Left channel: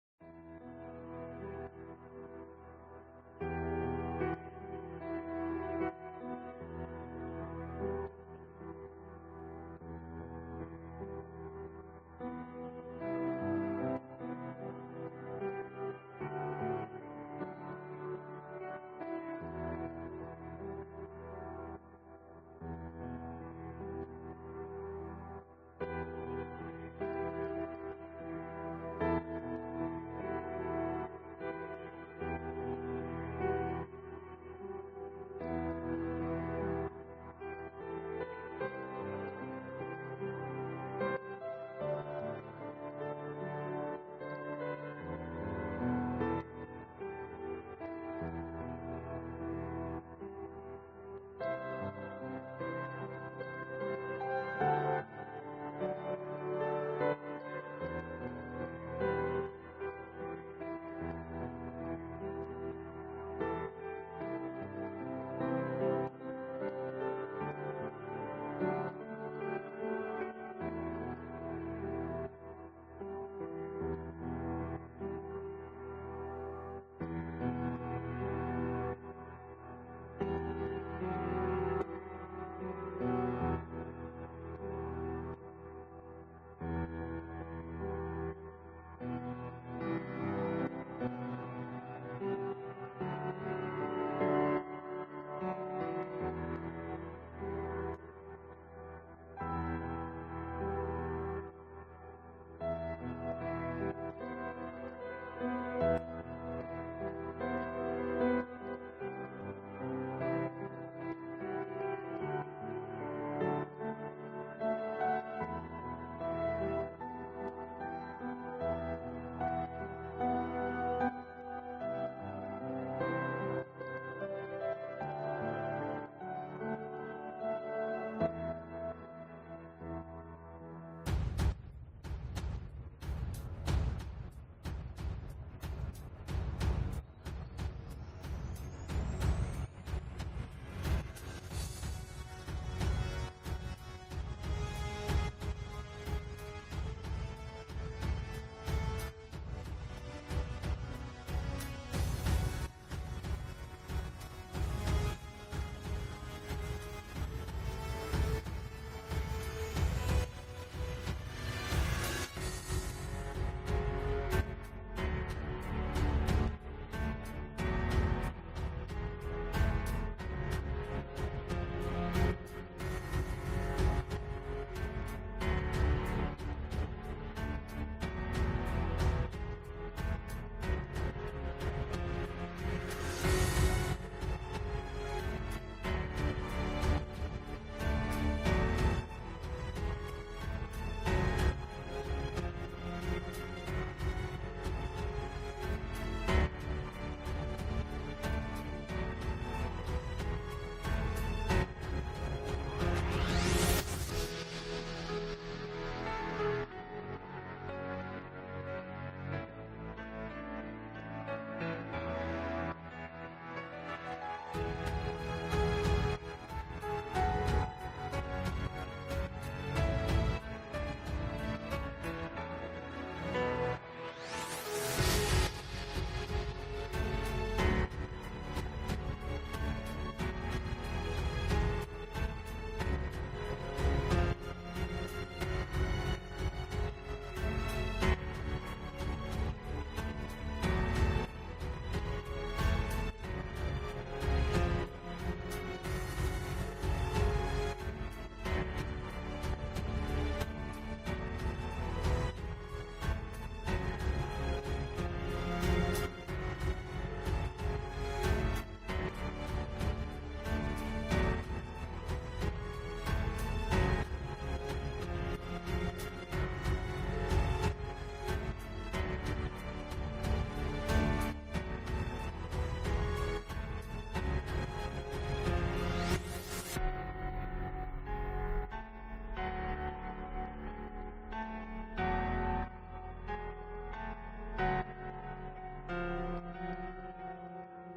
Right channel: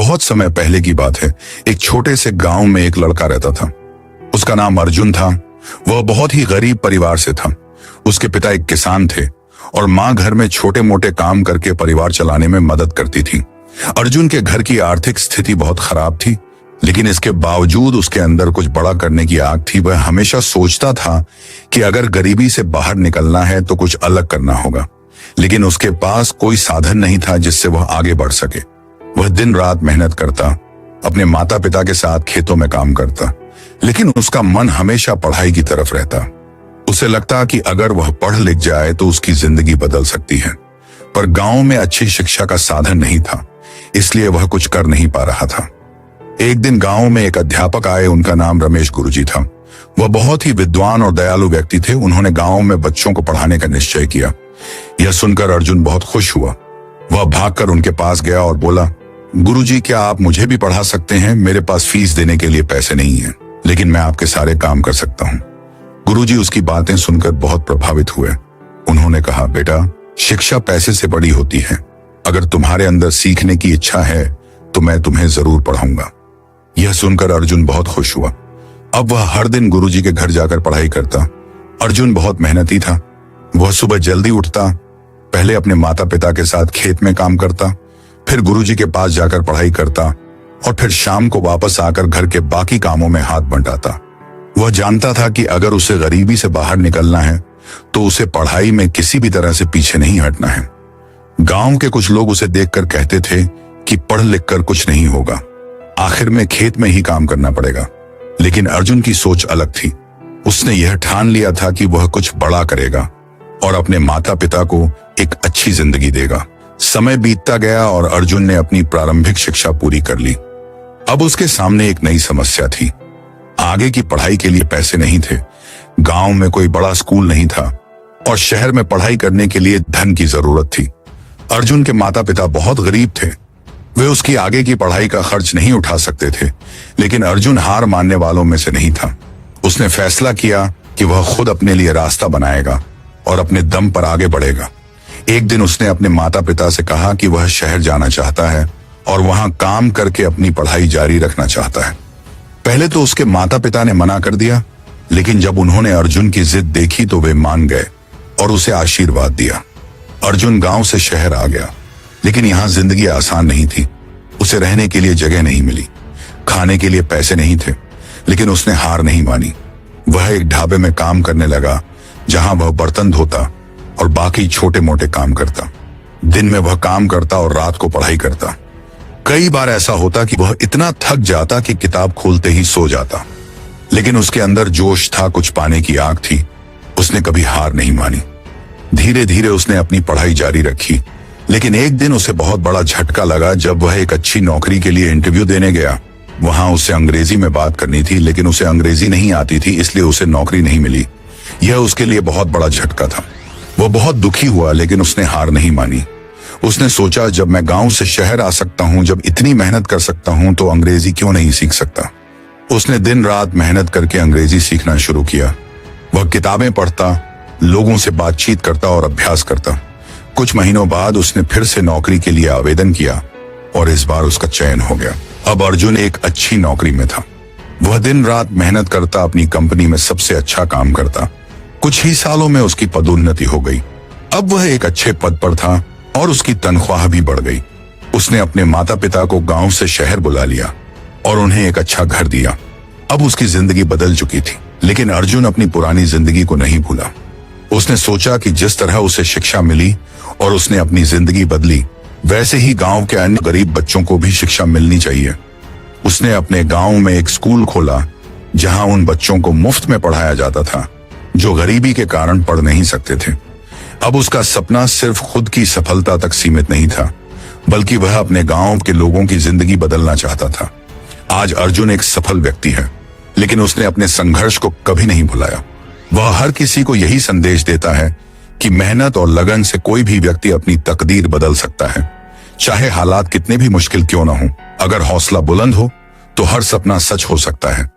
बहुत समय पहले की बात है। एक छोटे से गांव में एक लड़का रहता था। उसका नाम अर्जुन था। वह बहुत ही गरीब परिवार से था। उसके पिता एक किसान थे और माँ घर में छोटे मोटे काम करके परिवार चलाने में मदद करती थी। अर्जुन के घर की आर्थिक स्थिति बहुत खराब थी, लेकिन इसके बावजूद उसके अंदर कुछ बड़ा करने की आग थी। वह हमेशा सोचता था कि अगर गरीबी से बाहर निकलना है तो कुछ अलग करना होगा, लेकिन उसके पास कोई साधन नहीं था जिससे वह आगे बढ़ सके। वह दिन रात मेहनत करता, अपने माता पिता के साथ खेतों में काम करता, लेकिन उसका मन हमेशा पढ़ाई की तरफ रहता। उसे लगता कि अगर वह पढ़ लिख जाए तो उसकी जिंदगी बदल सकती है, पर गांव में अच्छी शिक्षा का साधन नहीं था, इसलिए वह कुछ कर नहीं पा रहा था। एक दिन गांव में एक अध्यापक आए। उनका नाम रमेश गुरुजी था। वह बहुत ही विद्वान और दयालु व्यक्ति थे। उन्होंने गांव में बच्चों को पढ़ाने का निश्चय किया। यह सुनकर अर्जुन बहुत खुश हुआ। वह भागकर उनके पास गया और बोला, गुरुजी, क्या आप मुझे भी पढ़ा सकते हैं? मेरे पास फीस देने के लिए पैसे नहीं है, लेकिन मैं आपके सारे काम कर सकता हूँ। गुरुजी उसकी बातें सुनकर बहुत प्रभावित हुए। उन्होंने कहा, बेटा, शिक्षा पैसे से बड़ी होती है। अगर तुम्हारे अंदर सीखने की इच्छा है तो मैं तुम्हें जरूर पढ़ाऊंगा। यह सुनकर अर्जुन बहुत खुश हुआ। अब वह हर दिन गुरुजी के घर जाकर पढ़ाई करता। अर्जुन बहुत मेहनती था। वह सुबह जल्दी उठता, पहले अपने माता पिता के साथ खेत में काम करता, फिर गुरुजी के पास जाकर पढ़ाई करता और फिर शाम को वापस आकर घर के बाकी कामों में हाथ बंटाता। वह जानता था कि अगर उसे गरीबी से बाहर निकलना है तो उसे पढ़ाई में किसी भी तरह से पीछे नहीं हटना है। गांव के कुछ लोग उसे देखकर कहते थे कि पढ़ लिख कर कुछ नहीं होगा, आखिर में खेत में ही काम करना पड़ेगा। लेकिन अर्जुन की सोच अलग थी। उसने यह ठान लिया था कि वह कुछ बड़ा करेगा और अपने माता पिता को एक अच्छी जिंदगी देगा। समय बीतता गया और अर्जुन ने अपनी प्रारंभिक शिक्षा पूरी कर ली। अब उसके सामने एक नई समस्या थी। आगे की पढ़ाई के लिए पैसे नहीं थे, गांव में कोई बड़ा स्कूल नहीं था और शहर में पढ़ाई करने के लिए धन की जरूरत थी। अर्जुन के माता पिता बहुत गरीब थे। वे उसकी आगे की पढ़ाई का खर्च नहीं उठा सकते थे, लेकिन अर्जुन हार मानने वालों में से नहीं था। उसने फैसला किया कि वह खुद अपने लिए रास्ता बनाएगा और अपने दम पर आगे बढ़ेगा। एक दिन उसने अपने माता पिता से कहा कि वह शहर जाना चाहता है और वहां काम करके अपनी पढ़ाई जारी रखना चाहता है। पहले तो उसके माता पिता ने मना कर दिया, लेकिन जब उन्होंने अर्जुन की जिद देखी तो वे मान गए और उसे आशीर्वाद दिया। अर्जुन गांव से शहर आ गया, लेकिन यहाँ जिंदगी आसान नहीं थी। उसे रहने के लिए जगह नहीं मिली, खाने के लिए पैसे नहीं थे, लेकिन उसने हार नहीं मानी। वह एक ढाबे में काम करने लगा, जहां वह बर्तन धोता और बाकी छोटे मोटे काम करता। दिन में वह काम करता और रात को पढ़ाई करता। कई बार ऐसा होता कि वह इतना थक जाता कि किताब खोलते ही सो जाता, लेकिन उसके अंदर जोश था, कुछ पाने की आग थी। उसने कभी हार नहीं मानी। धीरे धीरे उसने अपनी पढ़ाई जारी रखी, लेकिन एक दिन उसे बहुत बड़ा झटका लगा जब वह एक अच्छी नौकरी के लिए इंटरव्यू देने गया। वहां उसे अंग्रेजी में बात करनी थी, लेकिन उसे अंग्रेजी नहीं आती थी, इसलिए उसे नौकरी नहीं मिली। यह उसके लिए बहुत बड़ा झटका था। वह बहुत दुखी हुआ, लेकिन उसने हार नहीं मानी। उसने सोचा, जब मैं गांव से शहर आ सकता हूं, जब इतनी मेहनत कर सकता हूं, तो अंग्रेजी क्यों नहीं सीख सकता। उसने दिन रात मेहनत करके अंग्रेजी सीखना शुरू किया। वह किताबें पढ़ता, लोगों से बातचीत करता और अभ्यास करता। कुछ महीनों बाद उसने फिर से नौकरी के लिए आवेदन किया और इस बार उसका चयन हो गया। अब अर्जुन एक अच्छी नौकरी में था। वह दिन रात मेहनत करता, अपनी कंपनी में सबसे अच्छा काम करता। कुछ ही सालों में उसकी पदोन्नति हो गई। अब वह एक अच्छे पद पर था और उसकी तनख्वाह भी बढ़ गई। उसने अपने माता पिता को गांव से शहर बुला लिया और उन्हें एक अच्छा घर दिया। अब उसकी जिंदगी बदल चुकी थी, लेकिन अर्जुन अपनी पुरानी जिंदगी को नहीं भूला। उसने सोचा कि जिस तरह उसे शिक्षा मिली और उसने अपनी जिंदगी बदली, वैसे ही गांव के अन्य गरीब बच्चों को भी शिक्षा मिलनी चाहिए। उसने अपने गांव में एक स्कूल खोला, जहां उन बच्चों को मुफ्त में पढ़ाया जाता था जो गरीबी के कारण पढ़ नहीं सकते थे। अब उसका सपना सिर्फ खुद की सफलता तक सीमित नहीं था, बल्कि वह अपने गांव के लोगों की जिंदगी बदलना चाहता था। आज अर्जुन एक सफल व्यक्ति है, लेकिन उसने अपने संघर्ष को कभी नहीं भुलाया। वह हर किसी को यही संदेश देता है कि मेहनत और लगन से कोई भी व्यक्ति अपनी तकदीर बदल सकता है, चाहे हालात कितने भी मुश्किल क्यों ना हो। अगर हौसला बुलंद हो तो हर सपना सच हो सकता है।